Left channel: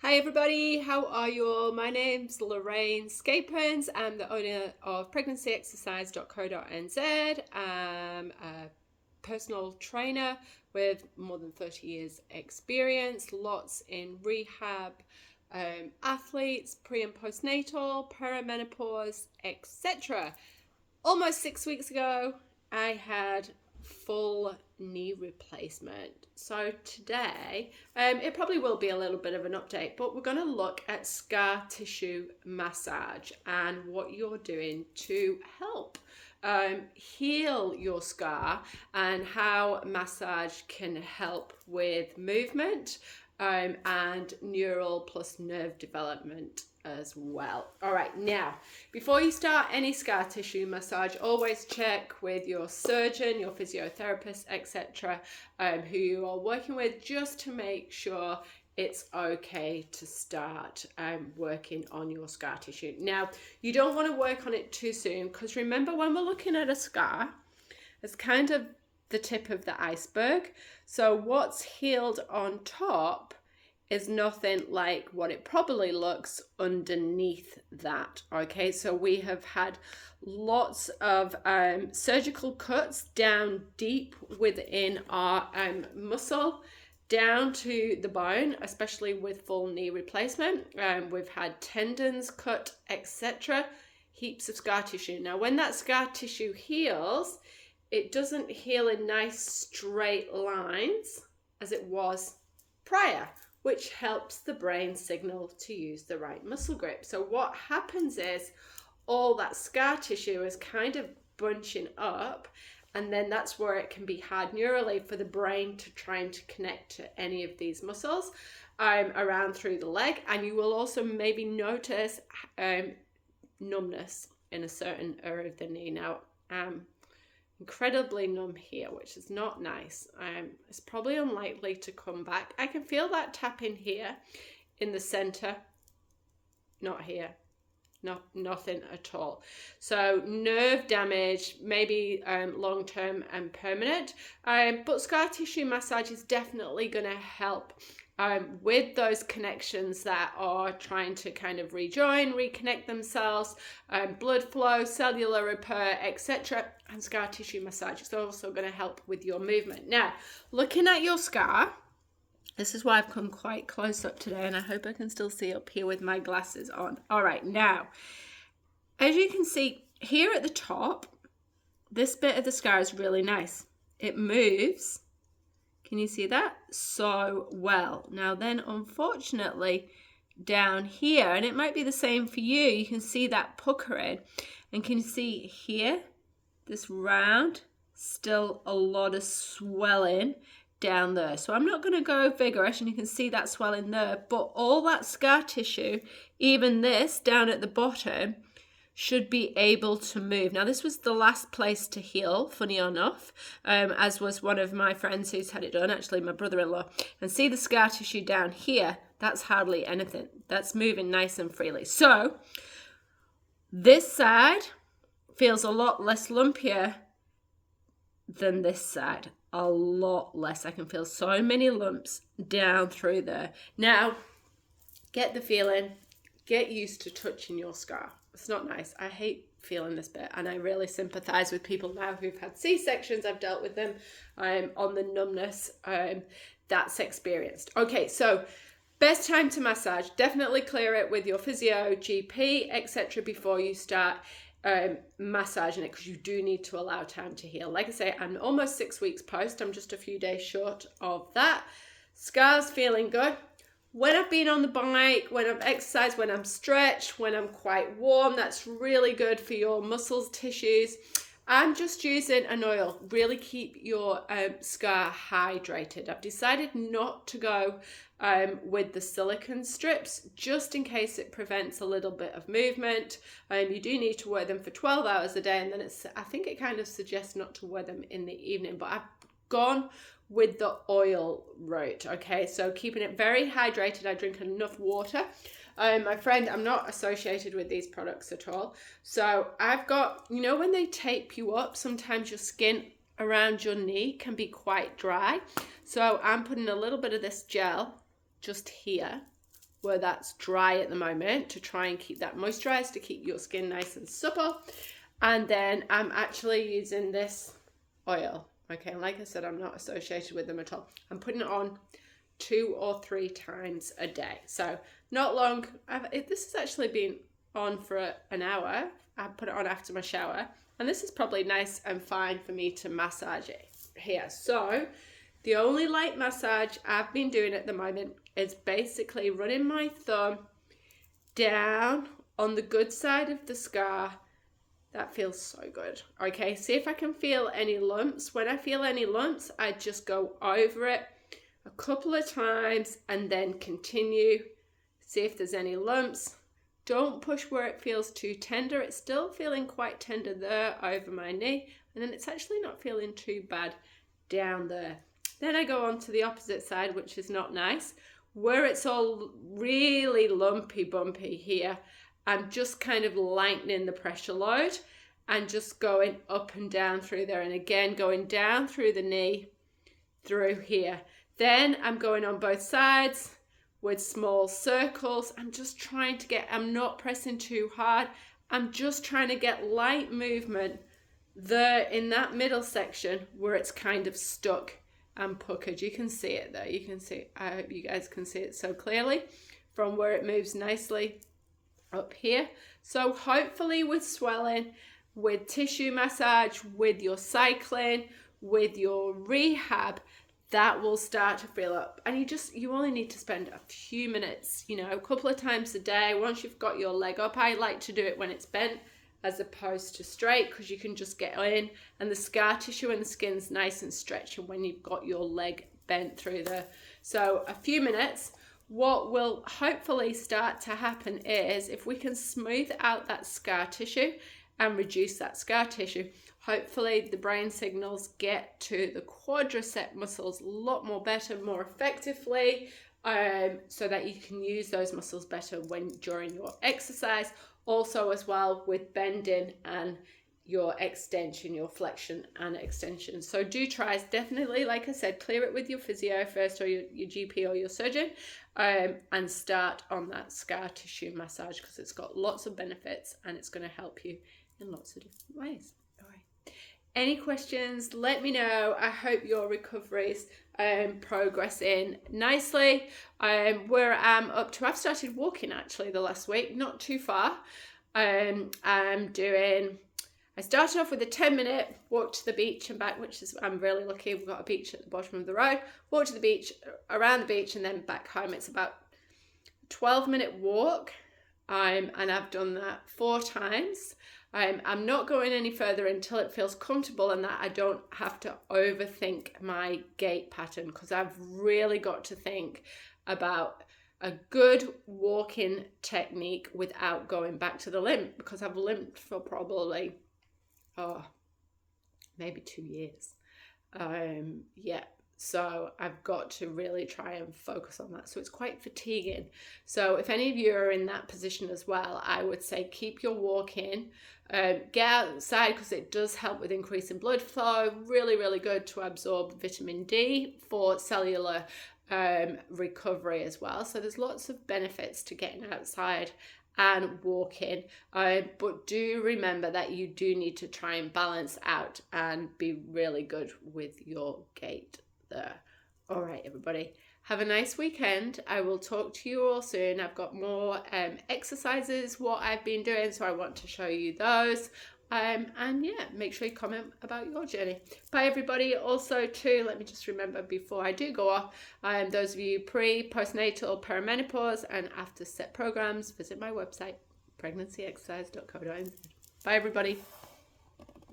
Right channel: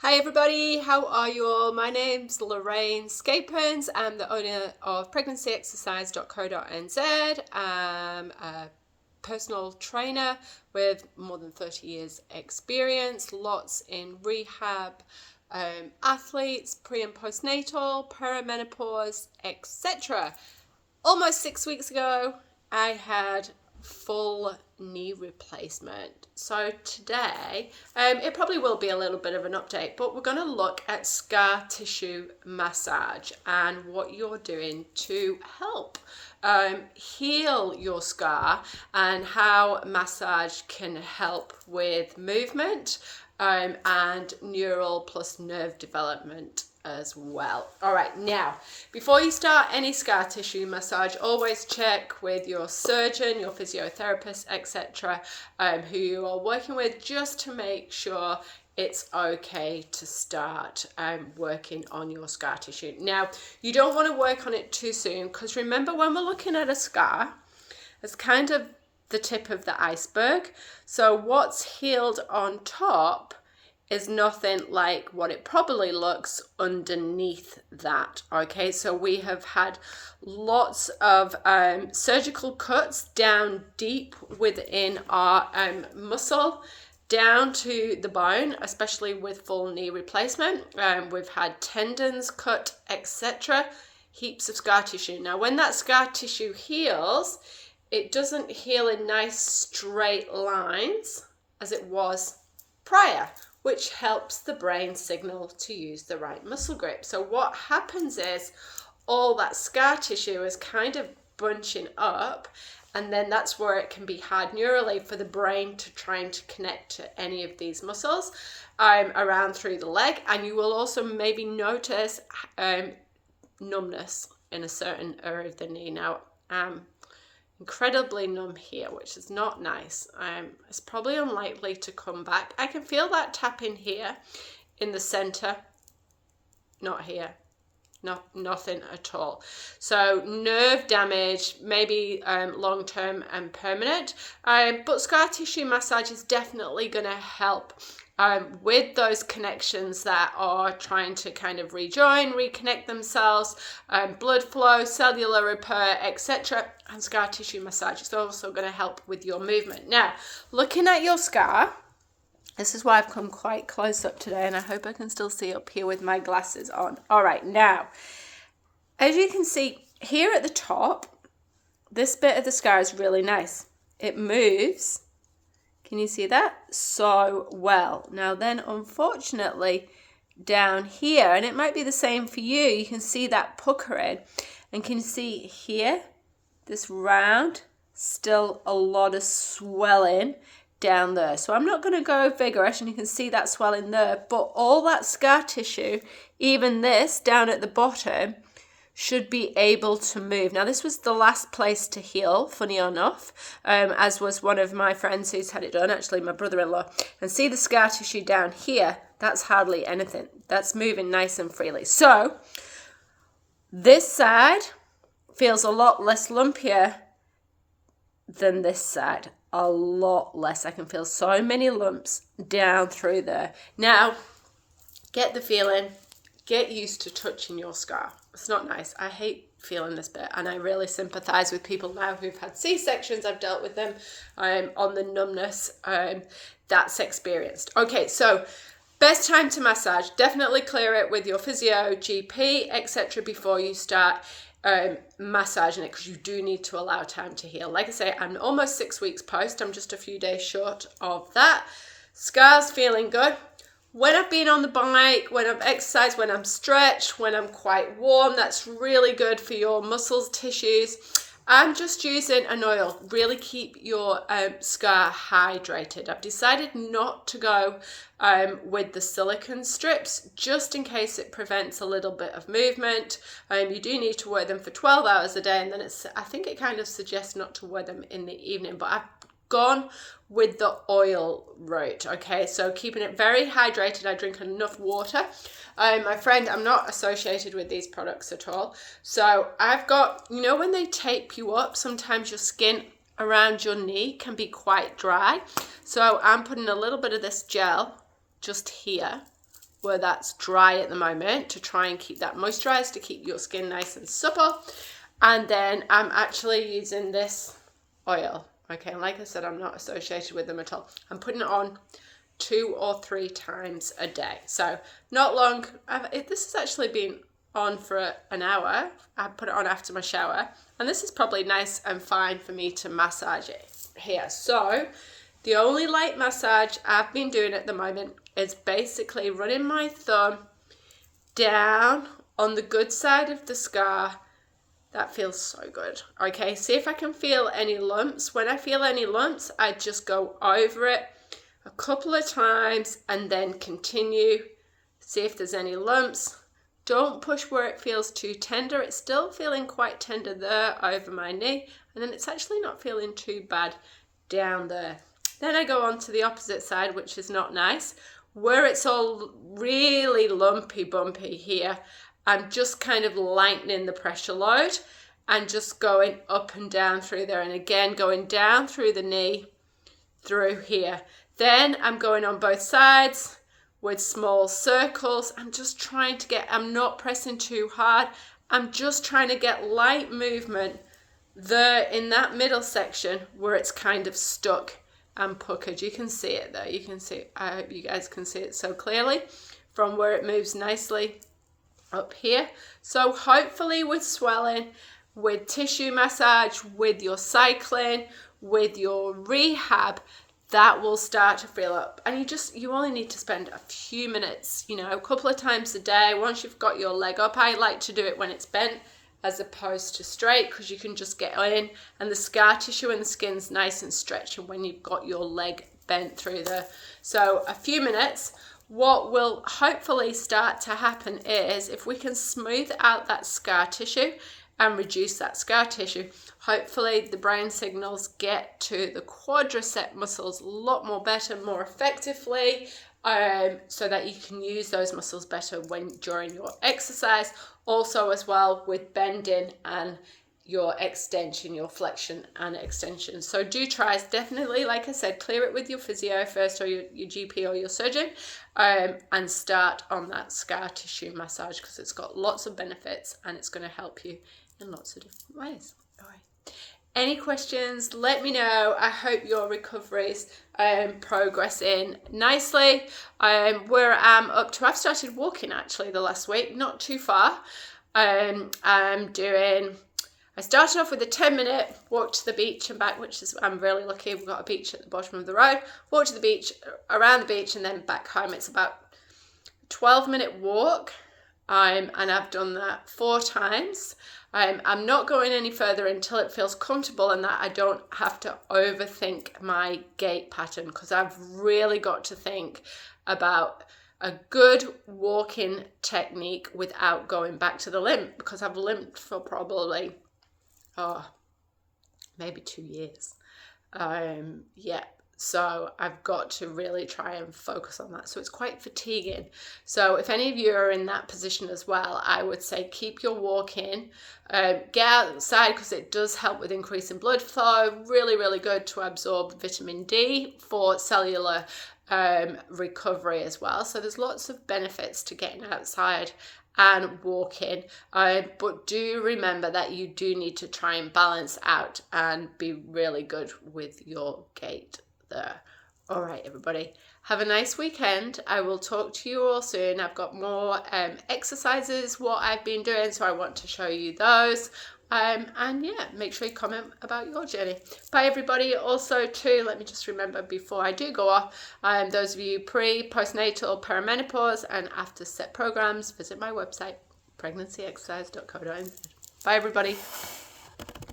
Hi everybody, how are you all? My name's Lorraine Scapins. I'm the owner of pregnancyexercise.co.nz. I'm a personal trainer with more than 30 years experience, lots in rehab, athletes, pre and postnatal, perimenopause, etc. Almost 6 weeks ago, I had full knee replacement. So today, it probably will be a little bit of an update, but we're going to look at scar tissue massage and what you're doing to help heal your scar and how massage can help with movement and neural plus nerve development as well. All right, now, before you start any scar tissue massage, always check with your surgeon, your physiotherapist, etc., who you are working with, just to make sure it's okay to start working on your scar tissue. Now, you don't want to work on it too soon, because remember, when we're looking at a scar, it's kind of the tip of the iceberg. So what's healed on top is nothing like what it probably looks underneath that. Okay, so we have had lots of surgical cuts down deep within our muscle, down to the bone, especially with full knee replacement. We've had tendons cut, etc. Heaps of scar tissue. Now, when that scar tissue heals, it doesn't heal in nice straight lines as it was prior, which helps the brain signal to use the right muscle grip. So what happens is all that scar tissue is kind of bunching up, and then that's where it can be hard neurally for the brain to try and connect to any of these muscles around through the leg. And you will also maybe notice numbness in a certain area of the knee. Now, incredibly numb here, which is not nice. It's probably unlikely to come back. I can feel that tapping here in the center, not here, nothing at all. So nerve damage, maybe long-term and permanent, but scar tissue massage is definitely going to help with those connections that are trying to kind of rejoin, reconnect themselves, blood flow, cellular repair, etc. And scar tissue massage is also going to help with your movement. Now, looking at your scar, this is why I've come quite close up today, and I hope I can still see up here with my glasses on. All right, now, as you can see here at the top, this bit of the scar is really nice. It moves. Can you see that? So well. Now then, unfortunately, down here, and it might be the same for you, you can see that puckering. And can you see here, this round, still a lot of swelling down there. So I'm not going to go vigorous, and you can see that swelling there, but all that scar tissue, even this down at the bottom, should be able to move. Now, this was the last place to heal, funny enough, as was one of my friends who's had it done, actually my brother-in-law. And see the scar tissue down here? That's hardly anything. That's moving nice and freely. So this side feels a lot less lumpier than this side. A lot less. I can feel so many lumps down through there. Now, get the feeling, get used to touching your scar. It's not nice. I hate feeling this bit, and I really sympathize with people now who've had C-sections. I've dealt with them on the numbness that's experienced. Okay, so best time to massage. Definitely clear it with your physio, GP, etc. before you start massaging it, because you do need to allow time to heal. Like I say, I'm almost 6 weeks post. I'm just a few days short of that. Scars feeling good. When I've been on the bike, when I've exercised, when I'm stretched, when I'm quite warm, that's really good for your muscles, tissues. I'm just using an oil. Really keep your scar hydrated. I've decided not to go with the silicone strips, just in case it prevents a little bit of movement. You do need to wear them for 12 hours a day, and then I think it kind of suggests not to wear them in the evening, but I've gone with the oil route. Okay, so keeping it very hydrated. I drink enough water. My friend, I'm not associated with these products at all, so I've got, you know, when they tape you up, sometimes your skin around your knee can be quite dry, so I'm putting a little bit of this gel just here where that's dry at the moment to try and keep that moisturized, to keep your skin nice and supple. And then I'm actually using this oil. Okay, and like I said, I'm not associated with them at all. I'm putting it on 2 or 3 times a day. So not long. This has actually been on for an hour. I put it on after my shower. And this is probably nice and fine for me to massage it here. So the only light massage I've been doing at the moment is basically running my thumb down on the good side of the scar. That feels so good. Okay, see if I can feel any lumps. When I feel any lumps, I just go over it a couple of times and then continue. See if there's any lumps. Don't push where it feels too tender. It's still feeling quite tender there over my knee. And then it's actually not feeling too bad down there. Then I go on to the opposite side, which is not nice. Where it's all really lumpy bumpy here, I'm just kind of lightening the pressure load and just going up and down through there. And again, going down through the knee, through here. Then I'm going on both sides with small circles. I'm just trying to get, I'm not pressing too hard. I'm just trying to get light movement there in that middle section where it's kind of stuck and puckered. You can see it there. You can see it. I hope you guys can see it so clearly from where it moves nicely up here. So hopefully with swelling, with tissue massage, with your cycling, with your rehab, that will start to fill up. And you only need to spend a few minutes, a couple of times a day. Once you've got your leg up, I like to do it when it's bent as opposed to straight, because you can just get in and the scar tissue and the skin's nice and stretched when you've got your leg bent through there. So a few minutes. What will hopefully start to happen is if we can smooth out that scar tissue and reduce that scar tissue, hopefully the brain signals get to the quadricep muscles a lot more better, more effectively, so that you can use those muscles better during your exercise. Also as well with bending and your extension, your flexion and extension. So do try, definitely, like I said, clear it with your physio first, or your GP or your surgeon, and start on that scar tissue massage, because it's got lots of benefits and it's going to help you in lots of different ways. All right. Any questions, let me know. I hope your recovery's progressing nicely. Where I'm up to, I've started walking actually the last week, not too far. I started off with a 10-minute walk to the beach and back, which is, I'm really lucky. We've got a beach at the bottom of the road. Walk to the beach, around the beach, and then back home. It's about a 12-minute walk, and I've done that 4 times. I'm not going any further until it feels comfortable and that I don't have to overthink my gait pattern, because I've really got to think about a good walking technique without going back to the limp, because I've limped for probably maybe 2 years. So I've got to really try and focus on that. So it's quite fatiguing. So if any of you are in that position as well, I would say keep your walking, get outside, because it does help with increasing blood flow. Really, really good to absorb vitamin D for cellular recovery as well. So there's lots of benefits to getting outside and walking, but do remember that you do need to try and balance out and be really good with your gait there. All right, everybody, have a nice weekend. I will talk to you all soon. I've got more exercises what I've been doing, so I want to show you those. And yeah, make sure you comment about your journey. Bye everybody. Also too, let me just remember before I do go off, those of you postnatal, perimenopause and after set programs, visit my website, pregnancyexercise.co.nz. Bye everybody.